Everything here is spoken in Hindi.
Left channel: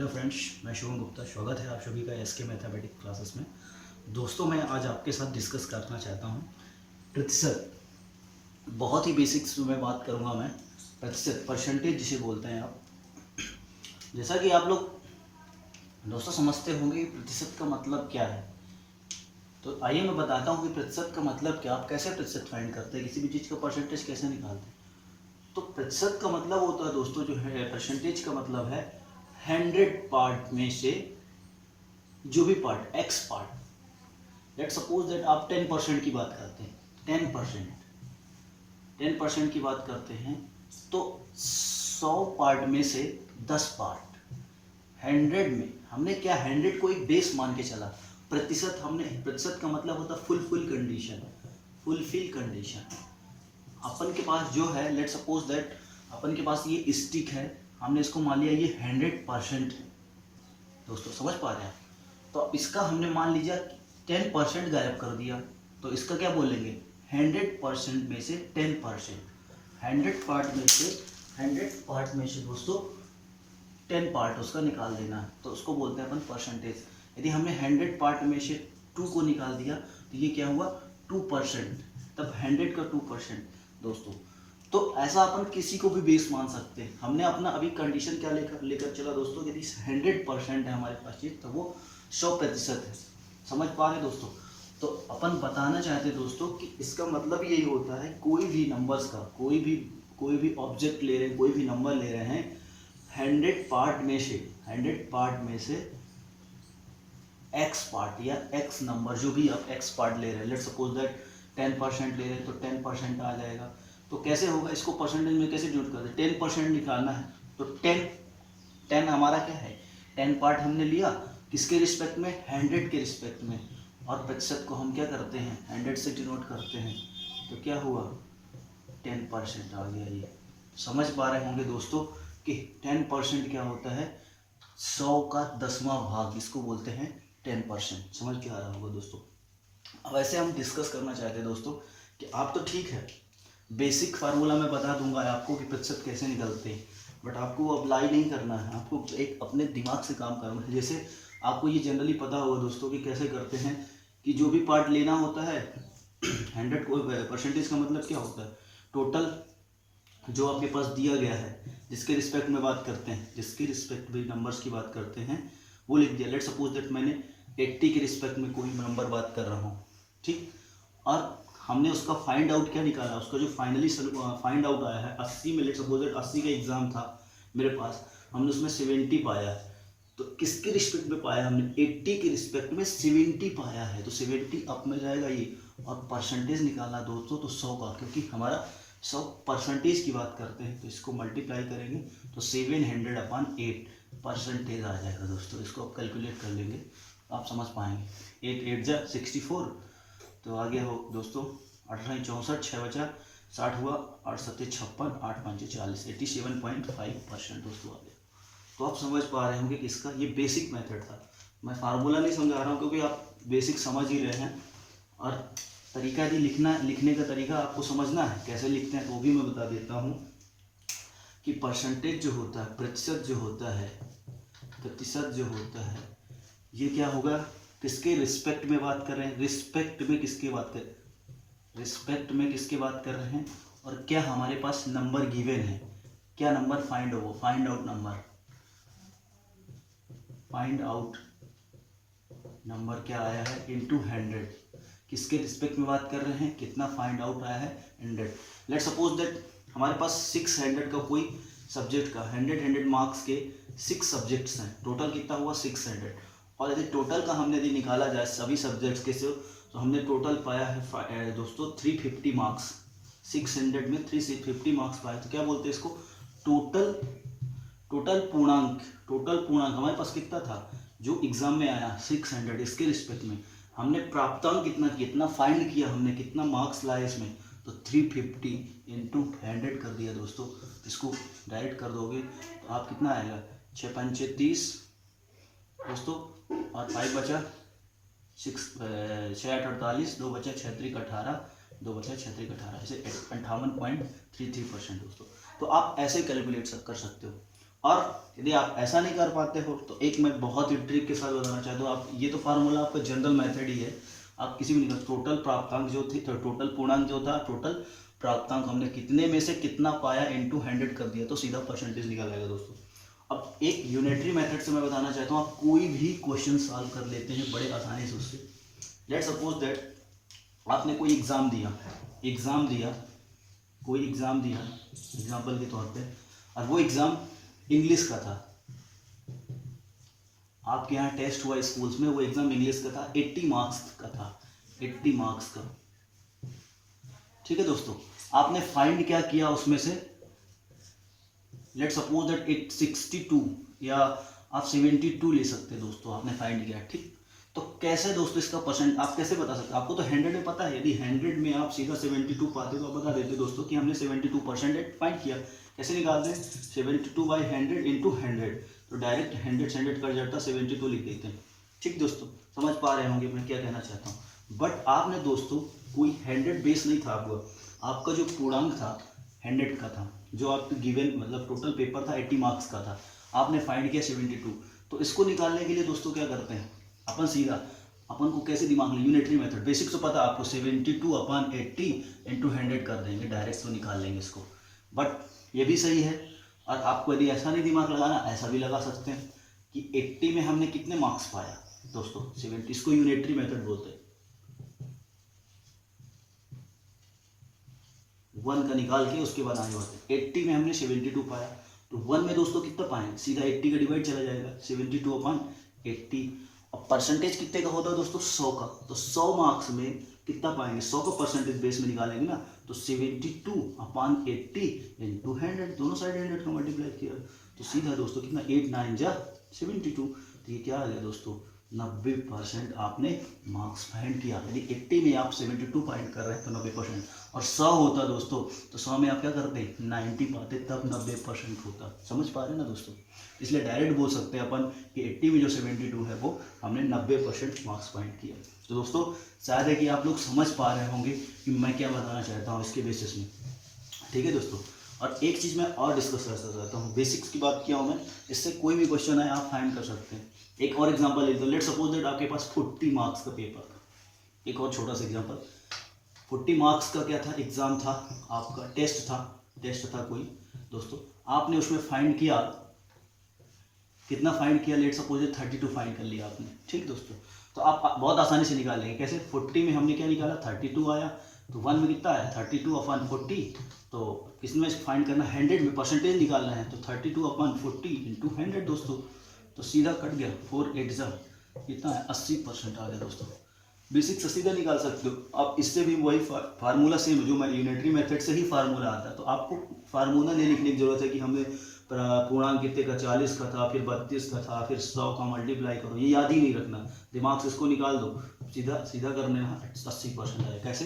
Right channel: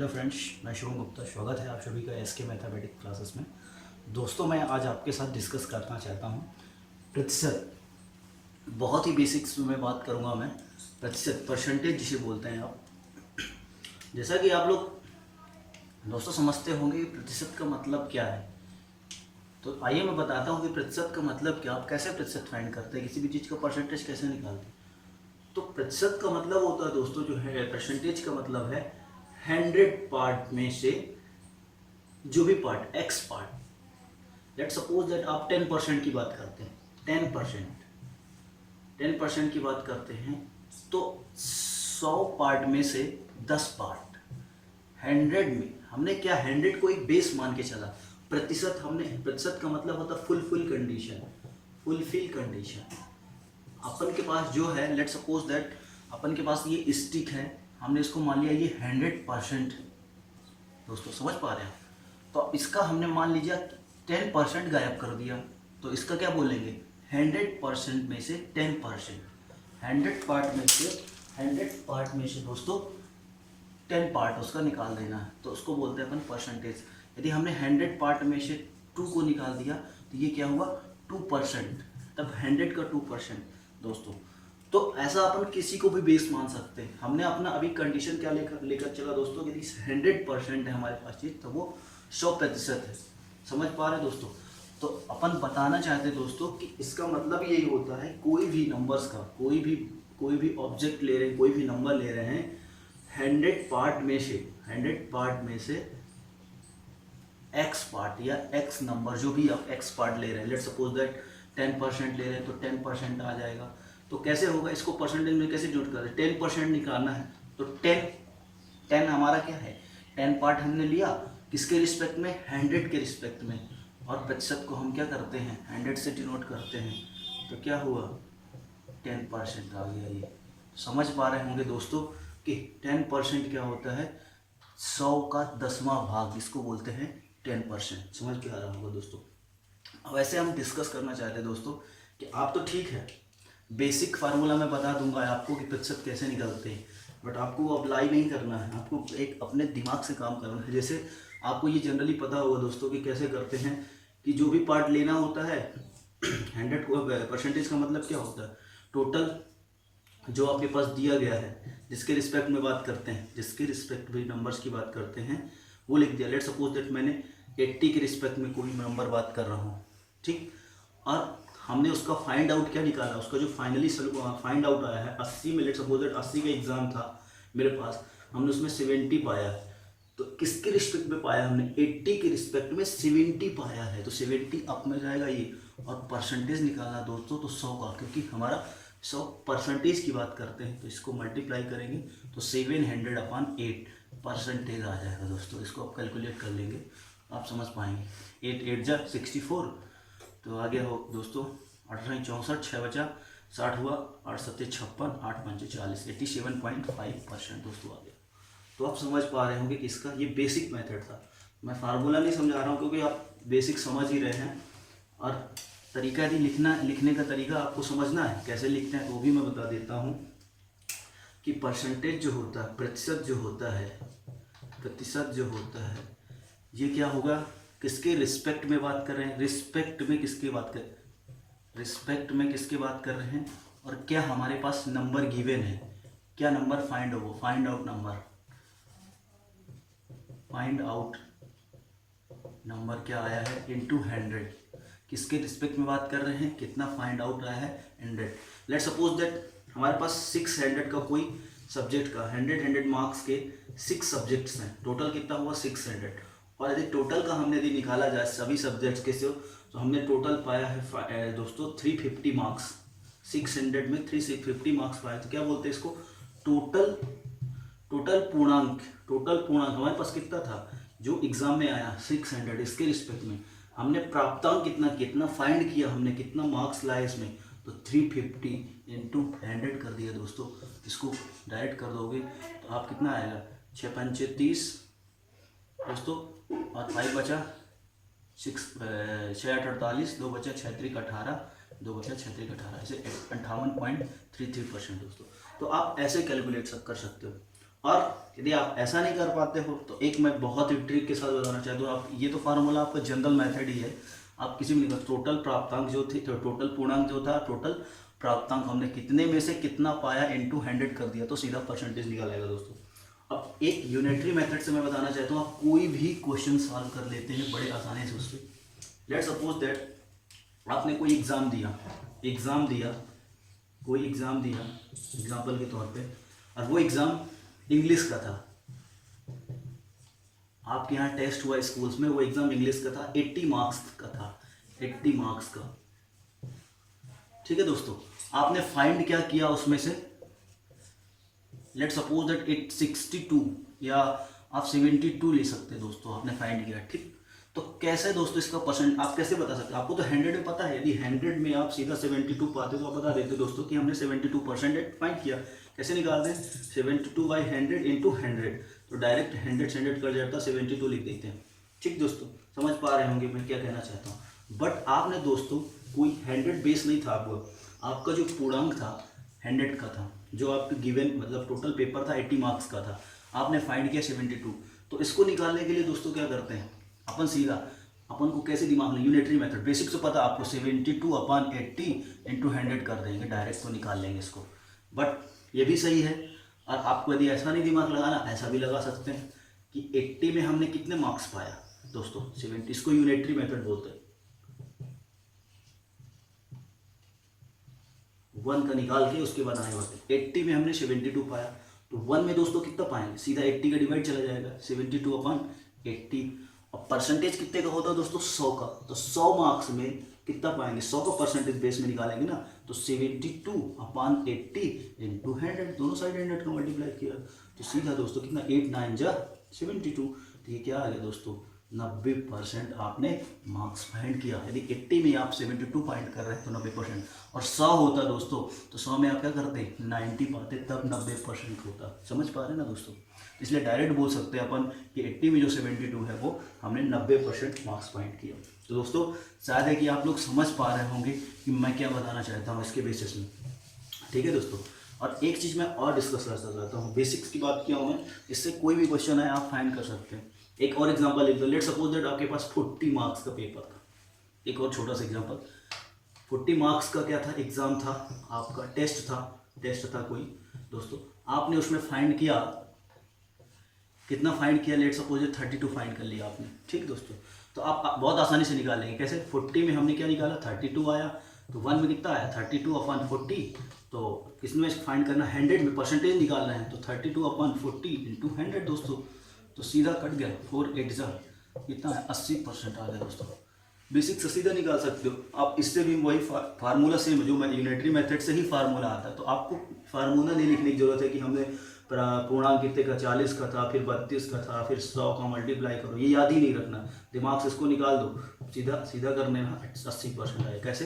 हेलो फ्रेंड्स, मैं शुभम गुप्ता। स्वागत है आप सभी का एसके मैथमेटिक्स क्लासेस में। दोस्तों, मैं आज आपके साथ डिस्कस करना चाहता हूँ प्रतिशत। बहुत ही बेसिक्स में बात करूँगा मैं। प्रतिशत, परसेंटेज जिसे बोलते हैं आप। जैसा कि आप लोग दोस्तों समझते होंगे कि प्रतिशत का मतलब क्या है, तो आइए मैं बताता हूँ कि प्रतिशत का मतलब क्या, आप कैसे प्रतिशत फाइंड करते हैं, किसी भी चीज़ का परसेंटेज कैसे निकालते हैं। तो प्रतिशत का मतलब होता है दोस्तों, जो है परसेंटेज का मतलब है 100 पार्ट में से जो भी part, x part. Let suppose that आप 10% की बात करते हैं, 10% की बात करते हैं, तो 100 पार्ट में से 10 पार्ट 100 में हमने क्या 100 को एक बेस मान के चला। प्रतिशत हमने, प्रतिशत का मतलब होता है फुलफिल कंडीशन। अपन के पास जो है, लेट सपोज दैट अपन के पास ये स्टिक है, हमने इसको मान लिया ये 100% है। दोस्तों समझ पा रहे हैं? तो इसका हमने मान लीजिए 10% गायब कर दिया, तो इसका क्या बोलेंगे, 100% में से 10%। 100 पार्ट में से दोस्तों 10 पार्ट उसका निकाल देना है, तो उसको बोलते हैं अपन परसेंटेज। यदि हमने 100 पार्ट में से 2 को निकाल दिया तो ये क्या हुआ, 2%। तब 100 का 2% दोस्तों। तो ऐसा अपन किसी को भी बेस मान सकते हैं। हमने अपना अभी कंडीशन क्या लेकर चला दोस्तों, यदि 100% है हमारे पास चीज़, तो वो 100% है। समझ पा रहे दोस्तों? तो अपन बताना चाहते हैं दोस्तों कि इसका मतलब यही होता है, कोई भी नंबर्स का, कोई भी ऑब्जेक्ट ले रहे हैं, कोई भी नंबर ले रहे हैं, 100 पार्ट में से एक्स पार्ट या एक्स नंबर, जो भी आप एक्स पार्ट ले रहे हैं, लेट सपोज दैट 10% ले रहे हैं तो 10% आ जाएगा। तो कैसे होगा, इसको परसेंटेज में कैसे नोट करते हैं, 10% निकालना है तो 10 हमारा क्या है, 10 पार्ट हमने लिया, किसके रिस्पेक्ट में, 100 के रिस्पेक्ट में। और प्रतिशत को हम क्या करते हैं, 100 से डिनोट करते हैं, तो क्या हुआ, 10% आ गया। ये समझ पा रहे होंगे दोस्तों कि 10% क्या होता है, 100 का 10वां भाग, इसको बोलते हैं 10%। समझ के आ रहा होगा दोस्तों। अब ऐसे हम डिस्कस करना चाहते हैं दोस्तों कि आप तो ठीक है, बेसिक फार्मूला मैं बता दूंगा आपको कि प्रतिशत कैसे निकलते हैं, बट आपको अप्लाई नहीं करना है, आपको एक अपने दिमाग से काम करना है। जैसे आपको ये जनरली पता होगा दोस्तों कि कैसे करते हैं, कि जो भी पार्ट लेना होता है 100 को, परसेंटेज का मतलब क्या होता है, टोटल जो आपके पास दिया गया है, जिसके रिस्पेक्ट में बात करते हैं, जिसके रिस्पेक्ट में नंबर्स की बात करते हैं, वो लिख दिया। लेट सपोज दैट मैंने 80 के रिस्पेक्ट में कोई नंबर बात कर रहा हूँ, ठीक। और हमने उसका फाइंड आउट क्या निकाला, उसका जो फाइनली फाइंड आउट आया है 80 में। लेट सपोज दैट 80 का एग्जाम था मेरे पास, हमने उसमें 70 पाया। तो किसके रिस्पेक्ट में पाया हमने, 80 के रिस्पेक्ट में 70 पाया है, तो 70 अप में जाएगा ये। और परसेंटेज निकालना दोस्तों तो 100 का, क्योंकि हमारा 100% की बात करते हैं, तो इसको मल्टीप्लाई करेंगे तो 700/8 परसेंटेज आ जाएगा दोस्तों। इसको आप कैलकुलेट कर लेंगे, आप समझ पाएंगे। 8 8 जा 64, तो आ गया हो दोस्तों 18 64, 6 बचा 60 हुआ, 8 7 56, 8 5 40, 87.5% दोस्तों आ गया। तो आप समझ पा रहे होंगे कि इसका ये बेसिक मेथड था। मैं फार्मूला नहीं समझा रहा हूँ, क्योंकि आप बेसिक समझ ही रहे हैं। और तरीका यदि लिखने का तरीका आपको समझना है कैसे लिखते हैं, तो वो भी मैं बता देता हूँ कि परसेंटेज जो होता है, प्रतिशत जो होता है, ये क्या होगा, किसके रिस्पेक्ट में बात कर रहे हैं, रिस्पेक्ट में किसके बात कर रहे हैं, और क्या हमारे पास नंबर गिवन है, क्या नंबर फाइंड आउट नंबर क्या आया है, इनटू 100। किसके रिस्पेक्ट में बात कर रहे हैं, कितना फाइंड आउट आया है, 100। लेट सपोज दैट हमारे पास 600 का कोई सब्जेक्ट का 100 मार्क्स के 6 सब्जेक्ट्स हैं, टोटल कितना हुआ 600। और यदि टोटल का हमने यदि निकाला जाए सभी सब्जेक्ट्स के से, तो हमने टोटल पाया है दोस्तों 350 मार्क्स। 600 में 350 मार्क्स पाए, तो क्या बोलते हैं इसको, टोटल पूर्णांक हमारे पास कितना था, जो एग्जाम में आया 600, इसके रिस्पेक्ट में हमने प्राप्तांक कितना फाइंड किया, हमने कितना मार्क्स लाए इसमें, तो 350 इंटू 100 कर दिया दोस्तों। इसको डायरेक्ट कर दोगे तो आप कितना आएगा, 6 5 30 दोस्तों, और 5 बचा 6 8 48, 2 बचा 6 3 18, 2 बचा 6 3 18, इसे 58.33% दोस्तों। तो आप ऐसे कैलकुलेट कर सकते हो। और यदि आप ऐसा नहीं कर पाते हो तो एक मैं बहुत ही ट्रिक के साथ बताना चाहता हूँ। आप ये तो फार्मूला आपका जनरल मेथड ही है, आप किसी भी निकाल, टोटल प्राप्तांक जो थी, टोटल पूर्णांक जो था, टोटल प्राप्तांक हमने कितने में से कितना पाया इनटू 100 कर दिया तो सीधा परसेंटेज निकालेगा दोस्तों। अब एक यूनिटरी मेथड से मैं बताना चाहता हूँ, आप कोई भी क्वेश्चन सॉल्व कर लेते हैं बड़े आसानी से उससे। लेट्स सपोज दैट आपने कोई एग्ज़ाम दिया, कोई एग्ज़ाम दिया एग्जाम्पल के तौर पे, और वो एग्ज़ाम इंग्लिश का था। आपके यहाँ टेस्ट हुआ स्कूल्स में, वो एग्ज़ाम इंग्लिश का था, 80 मार्क्स का था, 80 मार्क्स का। ठीक है दोस्तों, आपने फाइंड क्या किया उसमें से, लेट्स सपोज दैट इट 62 या आप 72 ले सकते हैं दोस्तों, आपने फाइंड किया। ठीक, तो कैसे दोस्तों इसका परसेंट आप कैसे बता सकते हैं? आपको तो 100 में पता है, यदि 100 में आप सीधा 72 पाते तो आप बता देते दोस्तों कि हमने 72% फाइंड किया। कैसे निकालते हैं? 72/100 इंटू 100, तो डायरेक्ट 100 से 100 कर जाता, 72 लिख देते हैं। ठीक दोस्तों, समझ पा रहे होंगे मैं क्या कहना चाहता हूँ। बट आपने दोस्तों कोई 100 बेस नहीं था आपका जो पूर्णांक था 100 का था, जो आपके गिवन मतलब टोटल पेपर था 80 मार्क्स का था, आपने फाइंड किया 72। तो इसको निकालने के लिए दोस्तों क्या करते हैं अपन, सीधा अपन को कैसे दिमाग में, यूनिटरी मेथड बेसिक तो पता आपको, 72/80 इंटू 100 कर देंगे, डायरेक्ट तो निकाल लेंगे इसको। बट ये भी सही है, और आपको यदि ऐसा नहीं दिमाग लगाना, ऐसा भी लगा सकते हैं कि 80 में हमने कितने मार्क्स पाया दोस्तों, 70, इसको यूनिटरी मेथड बोलते हैं। 1 का निकाल के उसके बाद आए होते, 80 में हमने 72 पाया, तो 1 में दोस्तों कितना पाएंगे, सीधा 80 का डिवाइड चला जाएगा, 72/80। और परसेंटेज कितने का होता है दोस्तों, 100 का, तो 100 मार्क्स में कितना पाएंगे, 100 का परसेंटेज बेस में निकालेंगे ना, तो 72/80 इंटू 100, दोनों साइड 100 का मल्टीप्लाई किया, तो सीधा दोस्तों कितना, 8 9 जा 72, तो ये क्या आ गया दोस्तों, 90% आपने मार्क्स फाइंड किया। यदि 80 में आप 72 फाइंड कर रहे हैं तो 90%, और 100 होता दोस्तों तो 100 में आप क्या करते, 90 पाते तब 90% होता। समझ पा रहे हैं ना दोस्तों, इसलिए डायरेक्ट बोल सकते हैं अपन कि 80 में जो 72 है वो हमने 90% मार्क्स फाइंड किया। तो दोस्तों शायद है कि आप लोग समझ पा रहे होंगे कि मैं क्या बताना चाहता हूँ इसके बेसिस में। ठीक है दोस्तों, और एक चीज़ मैं और डिस्कस करना चाहता हूँ, बेसिक्स की बात किया हूँ मैं, इससे कोई भी क्वेश्चन है आप फाइंड कर सकते हैं। एक और एग्जांपल ले लो, लेट्स सपोज दैट आपके पास 40 मार्क्स का पेपर था। एक और छोटा सा एग्जांपल, 40 मार्क्स का क्या था, एग्ज़ाम था आपका, टेस्ट था कोई दोस्तों, आपने उसमें फाइंड किया, कितना फाइंड किया, लेट्स सपोज 32 फाइंड कर लिया आपने। ठीक दोस्तों, तो आप बहुत आसानी से निकाल लेंगे। कैसे, 40 में हमने क्या निकाला, 32 आया, तो 1 में कितना आया, 32/40, तो किसमें फाइंड करना, 100 में परसेंटेज निकालना है, तो 32/40 इंटू 100 दोस्तों, तो सीधा कट गया, 4 8 जा कितना है, 80% आ गया दोस्तों। बेसिक से सीधा निकाल सकते हो आप, इससे भी वही फार्मूला सेम जो मैं यूनिटरी मेथड से ही फार्मूला आता है, तो आपको फार्मूला नहीं लिखने की जरूरत है कि हमने पूर्णांक कितने का, 40 का था, फिर 32 का था, फिर 100 का मल्टीप्लाई करो, ये याद ही नहीं रखना, दिमाग से इसको निकाल दो, सीधा सीधा करने 80% आए। कैसे,